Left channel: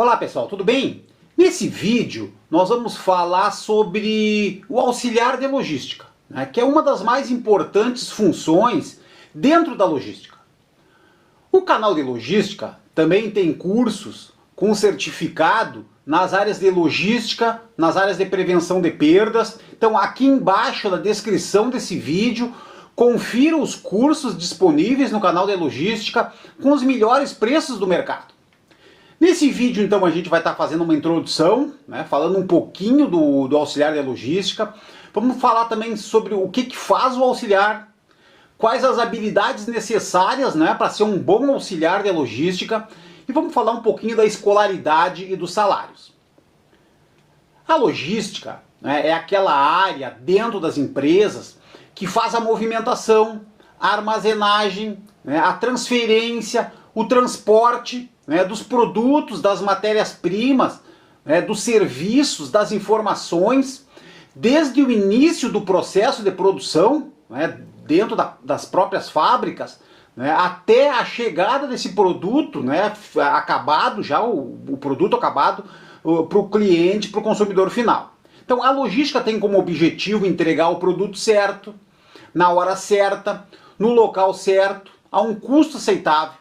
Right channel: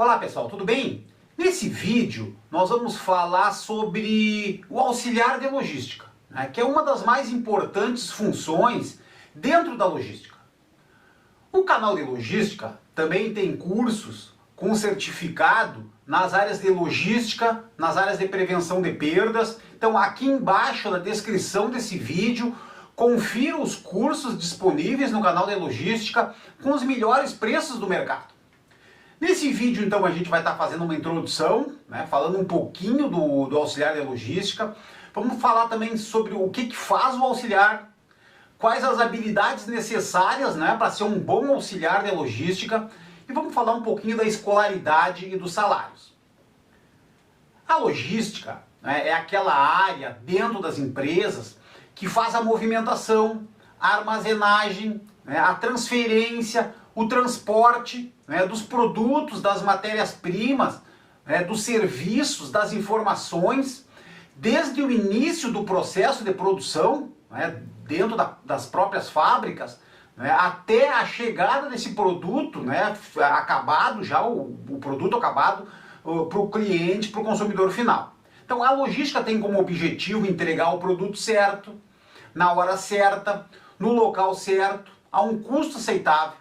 Olá pessoal, tudo bem? Nesse vídeo nós vamos falar sobre o auxiliar de logística, né, que é uma das mais importantes funções dentro da logística. O canal de logística também tem cursos com certificado nas áreas de logística, nas áreas de prevenção de perdas. Então aqui embaixo na descrição desse vídeo, confira os cursos disponíveis no canal de logística com os melhores preços do mercado. Nesse vídeo, então, a gente vai estar fazendo uma introdução, né, falando um pouquinho do auxiliar de logística. Vamos falar também sobre o que faz o auxiliar, quais as habilidades necessárias, né, para ser um bom auxiliar de logística, e vamos falar um pouquinho da escolaridade e dos salários. A logística, né, é aquela área dentro das empresas que faz a movimentação, a armazenagem, né, a transferência, o transporte, né, dos produtos, das matérias-primas, né, dos serviços, das informações, desde o início do processo de produção, né, dentro das próprias fábricas, né, até a chegada desse produto, né, acabado, já o produto acabado para o cliente, para o consumidor final. Então a logística tem como objetivo entregar o produto certo, na hora certa, no local certo, a um custo aceitável.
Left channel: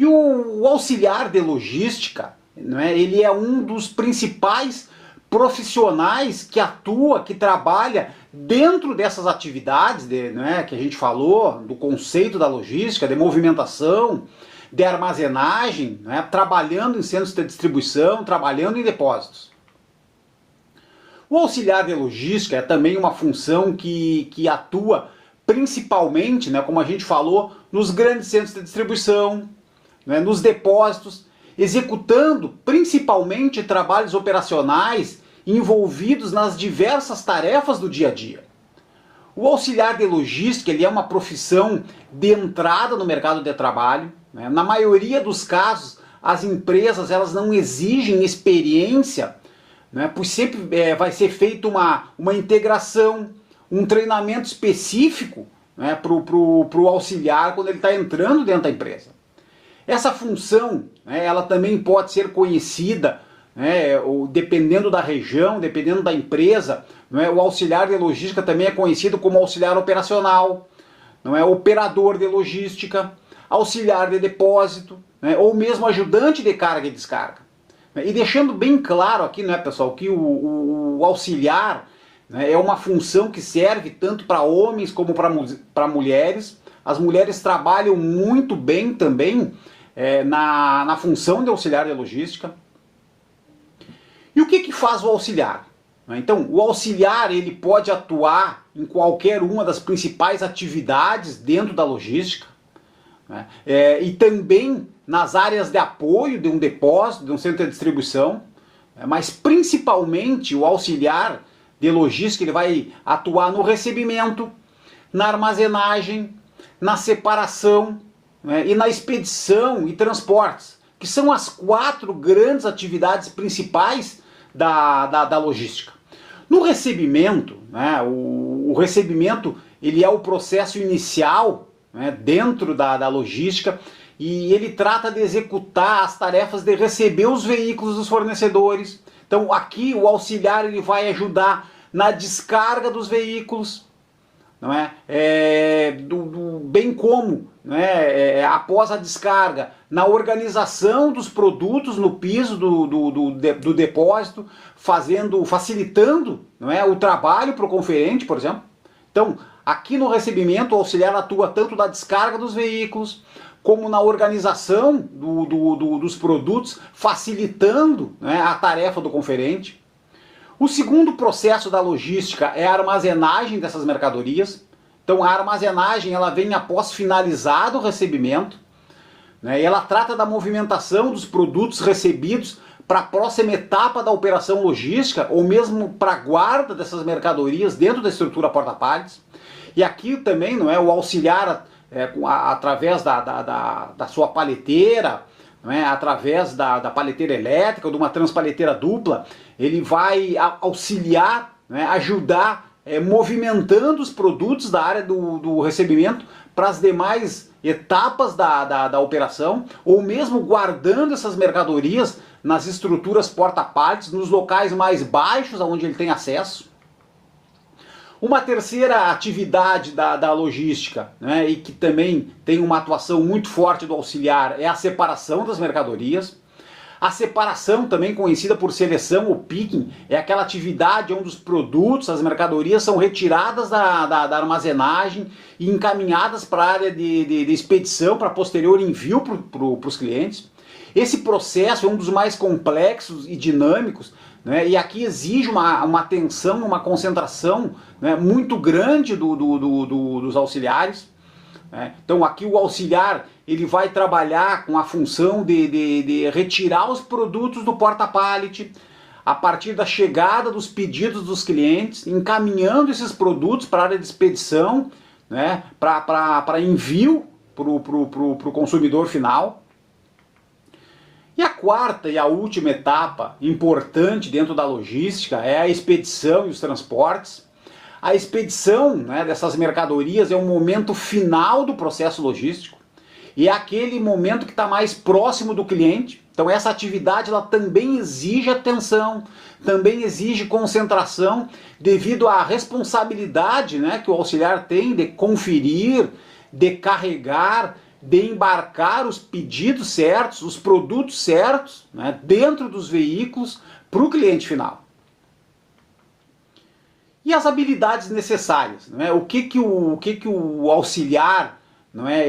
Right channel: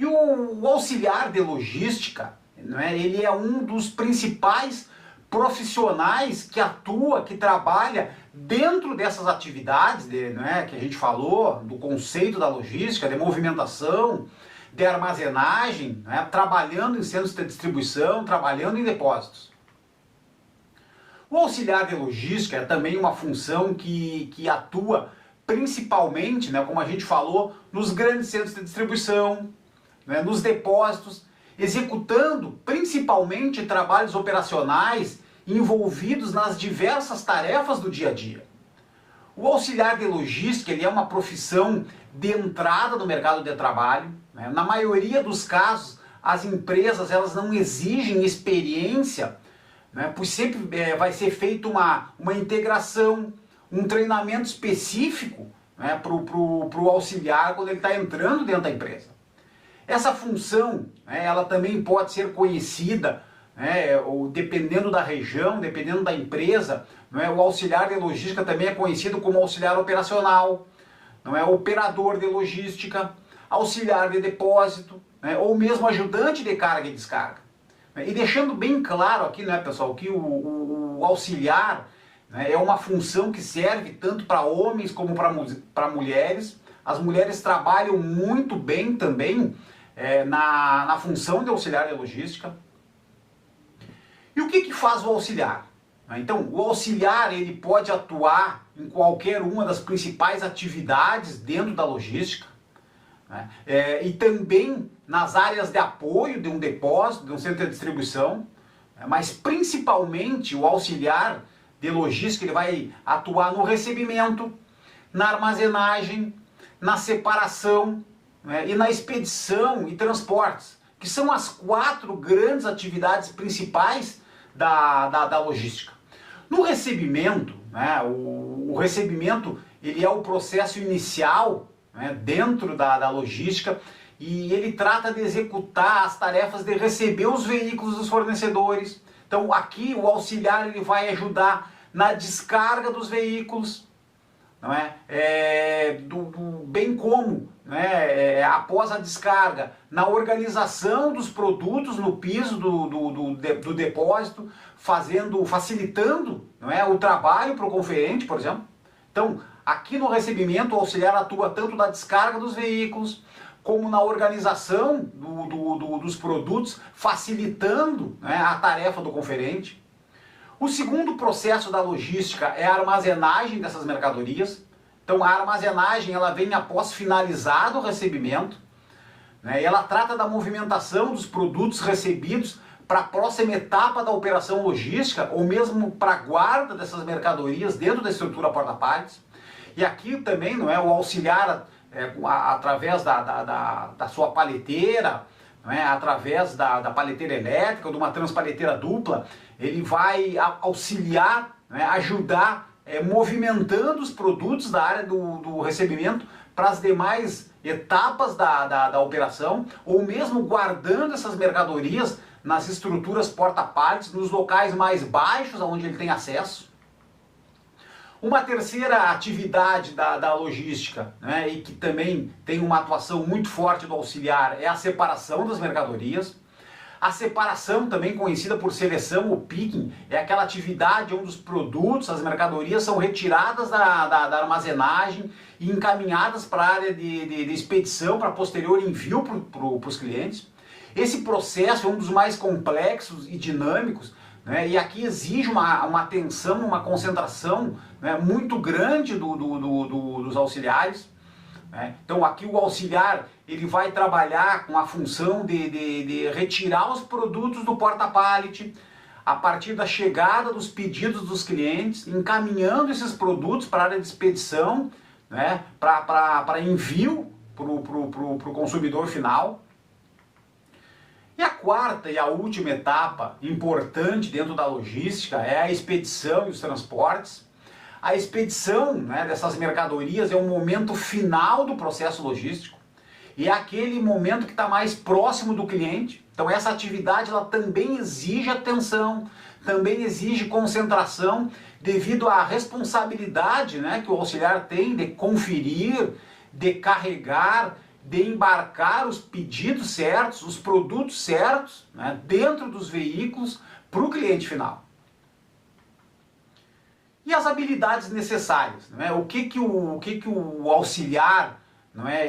E o auxiliar de logística, né, ele é um dos principais profissionais que atua, que trabalha dentro dessas atividades né, que a gente falou, do conceito da logística, de movimentação, de armazenagem, né, trabalhando em centros de distribuição, trabalhando em depósitos. O auxiliar de logística é também uma função que atua principalmente, né, como a gente falou, nos grandes centros de distribuição, né, nos depósitos, executando principalmente trabalhos operacionais envolvidos nas diversas tarefas do dia a dia. O auxiliar de logística ele é uma profissão de entrada no mercado de trabalho. Né? Na maioria dos casos, as empresas elas não exigem experiência, né? Pois sempre vai ser feita uma integração, um treinamento específico, né, para o auxiliar quando ele está entrando dentro da empresa. Essa função, né, ela também pode ser conhecida, né, dependendo da região, dependendo da empresa, né, o auxiliar de logística também é conhecido como auxiliar operacional, não é, operador de logística, auxiliar de depósito, né, ou mesmo ajudante de carga e descarga. E deixando bem claro aqui, né, pessoal, que o auxiliar, né, é uma função que serve tanto para homens como para mulheres. As mulheres trabalham muito bem também na função de auxiliar de logística. E o que faz o auxiliar? Então, o auxiliar ele pode atuar em qualquer uma das principais atividades dentro da logística, né? E também nas áreas de apoio de um depósito, de um centro de distribuição, mas principalmente o auxiliar de logística ele vai atuar no recebimento, na armazenagem, na separação, né, e na expedição e transportes, que são as 4 grandes atividades principais da logística. No recebimento, né, o recebimento ele é o processo inicial, né, dentro da logística, e ele trata de executar as tarefas de receber os veículos dos fornecedores. Então aqui o auxiliar ele vai ajudar na descarga dos veículos, não é? Bem como, né, após a descarga, na organização dos produtos no piso do depósito, facilitando, não é, o trabalho para o conferente, por exemplo. Então, aqui no recebimento, o auxiliar atua tanto na descarga dos veículos, como na organização dos produtos, facilitando, né, a tarefa do conferente. O segundo processo da logística é a armazenagem dessas mercadorias. Então a armazenagem ela vem após finalizado o recebimento, né, e ela trata da movimentação dos produtos recebidos para a próxima etapa da operação logística, ou mesmo para a guarda dessas mercadorias dentro da estrutura porta-pallets. E aqui também não é, o auxiliar através da sua paleteira, né, através da paleteira elétrica ou de uma transpaleteira dupla, ele vai auxiliar, né, ajudar movimentando os produtos da área do recebimento para as demais etapas da operação, ou mesmo guardando essas mercadorias nas estruturas porta-pallets, nos locais mais baixos, onde ele tem acesso. Uma terceira atividade da logística, né, e que também tem uma atuação muito forte do auxiliar, é a separação das mercadorias. A separação, também conhecida por seleção ou picking, é aquela atividade onde os produtos, as mercadorias são retiradas da armazenagem e encaminhadas para a área de expedição, para posterior envio para os clientes. Esse processo é um dos mais complexos e dinâmicos, né, e aqui exige uma atenção, uma concentração, né, muito grande dos auxiliares. Então aqui o auxiliar ele vai trabalhar com a função de retirar os produtos do porta-pallet a partir da chegada dos pedidos dos clientes, encaminhando esses produtos para a área de expedição, né, para envio para o consumidor final. E a quarta e a última etapa importante dentro da logística é a expedição e os transportes. A expedição, né, dessas mercadorias é o momento final do processo logístico e é aquele momento que está mais próximo do cliente. Então essa atividade ela também exige atenção, também exige concentração devido à responsabilidade, né, que o auxiliar tem de conferir, de carregar, de embarcar os pedidos certos, os produtos certos, né, dentro dos veículos para o cliente final. E as habilidades necessárias, não é? O que o auxiliar, não é?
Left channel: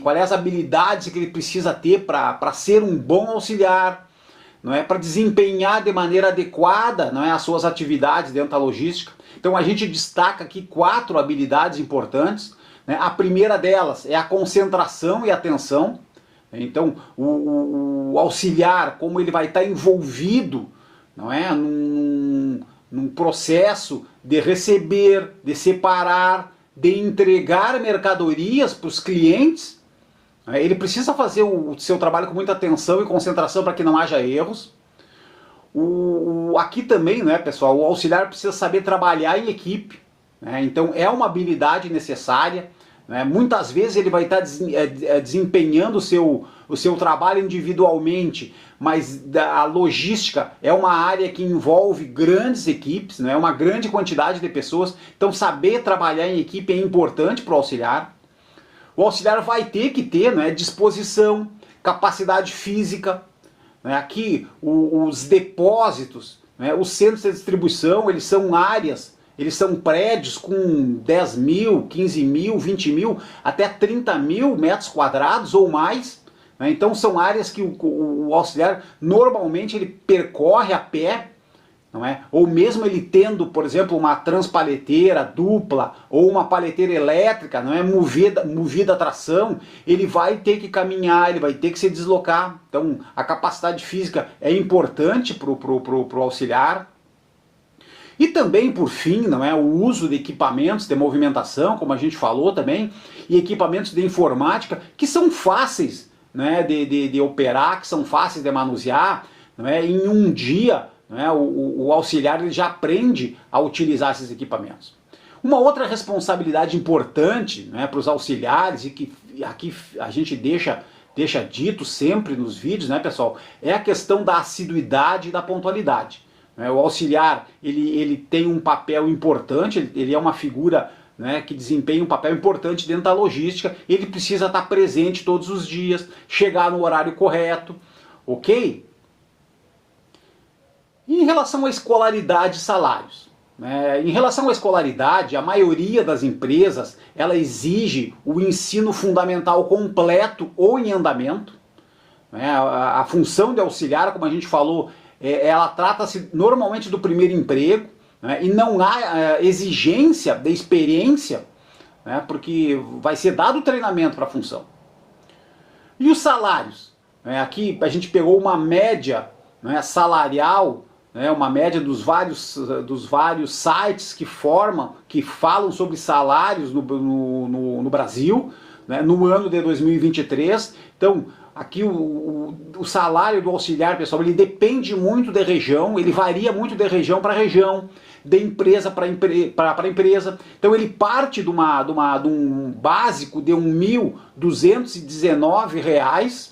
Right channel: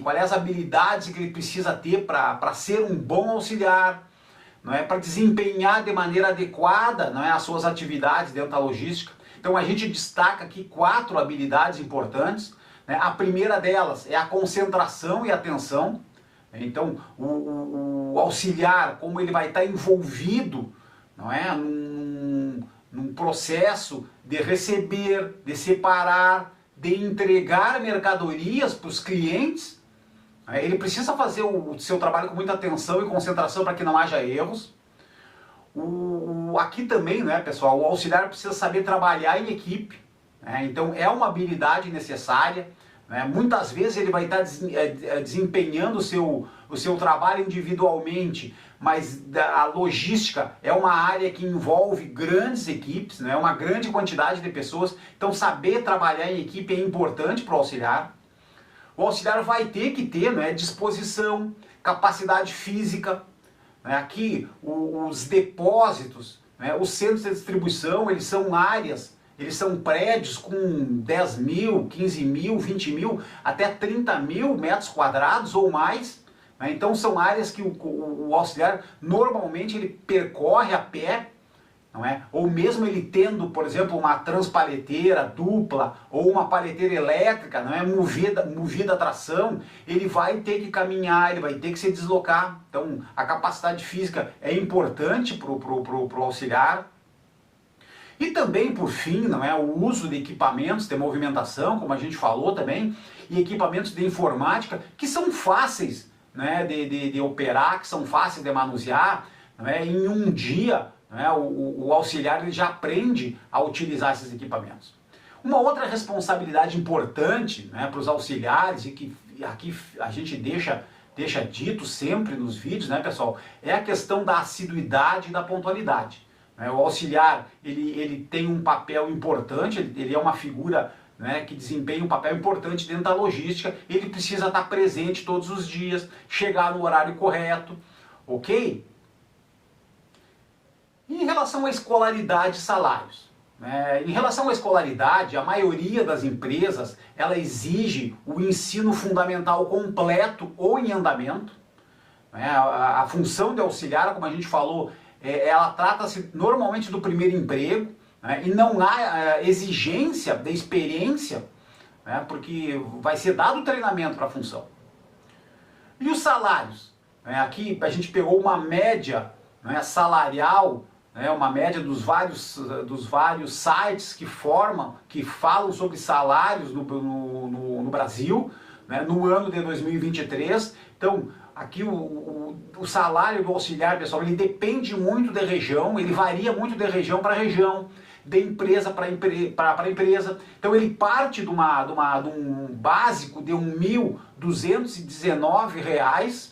Quais as habilidades que ele precisa ter para ser um bom auxiliar, não é? Para desempenhar de maneira adequada, não é? As suas atividades dentro da logística. Então a gente destaca aqui 4 habilidades importantes, né? A primeira delas é a concentração e atenção. Então o auxiliar, como ele vai estar envolvido, não é? Num processo de receber, de separar, de entregar mercadorias para os clientes, ele precisa fazer o seu trabalho com muita atenção e concentração para que não haja erros. Aqui também, né, pessoal, o auxiliar precisa saber trabalhar em equipe, né? Então é uma habilidade necessária. Muitas vezes ele vai estar desempenhando o seu trabalho individualmente, mas a logística é uma área que envolve grandes equipes, né? Uma grande quantidade de pessoas, então saber trabalhar em equipe é importante para o auxiliar. O auxiliar vai ter que ter, né, disposição, capacidade física, né? Aqui os depósitos, né, os centros de distribuição, eles são áreas, eles são prédios com 10 mil, 15 mil, 20 mil, até 30 mil metros quadrados ou mais. Então são áreas que o auxiliar normalmente ele percorre a pé, não é? Ou mesmo ele tendo, por exemplo, uma transpaleteira dupla ou uma paleteira elétrica, não é? movida a tração, ele vai ter que caminhar, ele vai ter que se deslocar. Então a capacidade física é importante para o auxiliar. E também, por fim, não é, o uso de equipamentos de movimentação, como a gente falou também, e equipamentos de informática que são fáceis, né, de operar, que são fáceis de manusear. Não é? Em um dia, não é, o auxiliar ele já aprende a utilizar esses equipamentos. Uma outra responsabilidade importante, né, para os auxiliares, e que aqui a gente deixa dito sempre nos vídeos, né, pessoal, é a questão da assiduidade e da pontualidade. O auxiliar ele tem um papel importante, ele é uma figura, né, que desempenha um papel importante dentro da logística, ele precisa estar presente todos os dias, chegar no horário correto, ok? E em relação à escolaridade e salários, em relação à escolaridade, a maioria das empresas ela exige o ensino fundamental completo ou em andamento. A função de auxiliar, como a gente falou, ela trata-se normalmente do primeiro emprego, né, e não há exigência de experiência, né, porque vai ser dado treinamento para a função. E os salários? Aqui a gente pegou uma média, né, salarial, né, uma média dos vários sites que falam sobre salários no Brasil, né, no ano de 2023. Então, aqui o salário do auxiliar, pessoal, ele depende muito da região, ele varia muito de região para região. de empresa para empresa. Então ele parte de um básico de R$ 1.219,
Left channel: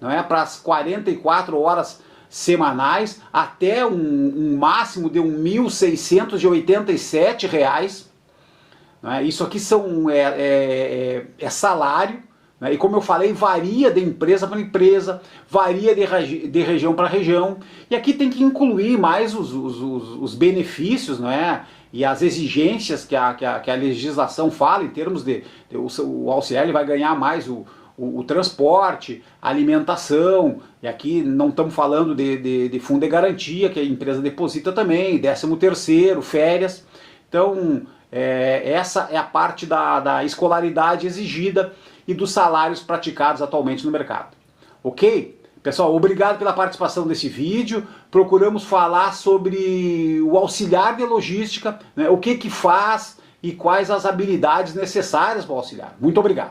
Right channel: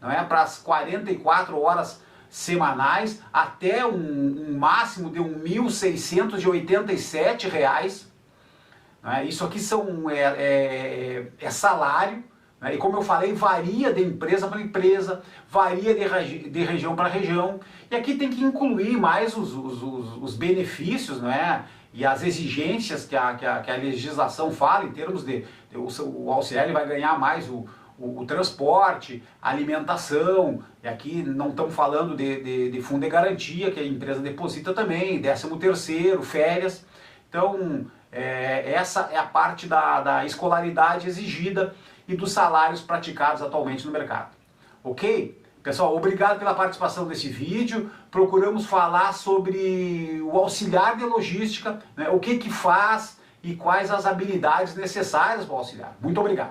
não é, para as 44 horas semanais, até um máximo de R$ 1.687. Né? Isso aqui é salário, né? E como eu falei, varia de empresa para empresa, varia de região para região, e aqui tem que incluir mais os benefícios, né? E as exigências que a legislação fala em termos o auxiliar ele vai ganhar mais o transporte, a alimentação, e aqui não estamos falando de fundo de garantia, que a empresa deposita também, 13º, férias. Então, essa é a parte da escolaridade exigida e dos salários praticados atualmente no mercado. Ok? Pessoal, obrigado pela participação nesse vídeo. Procuramos falar sobre o auxiliar de logística, né, o que faz e quais as habilidades necessárias para o auxiliar. Muito obrigado.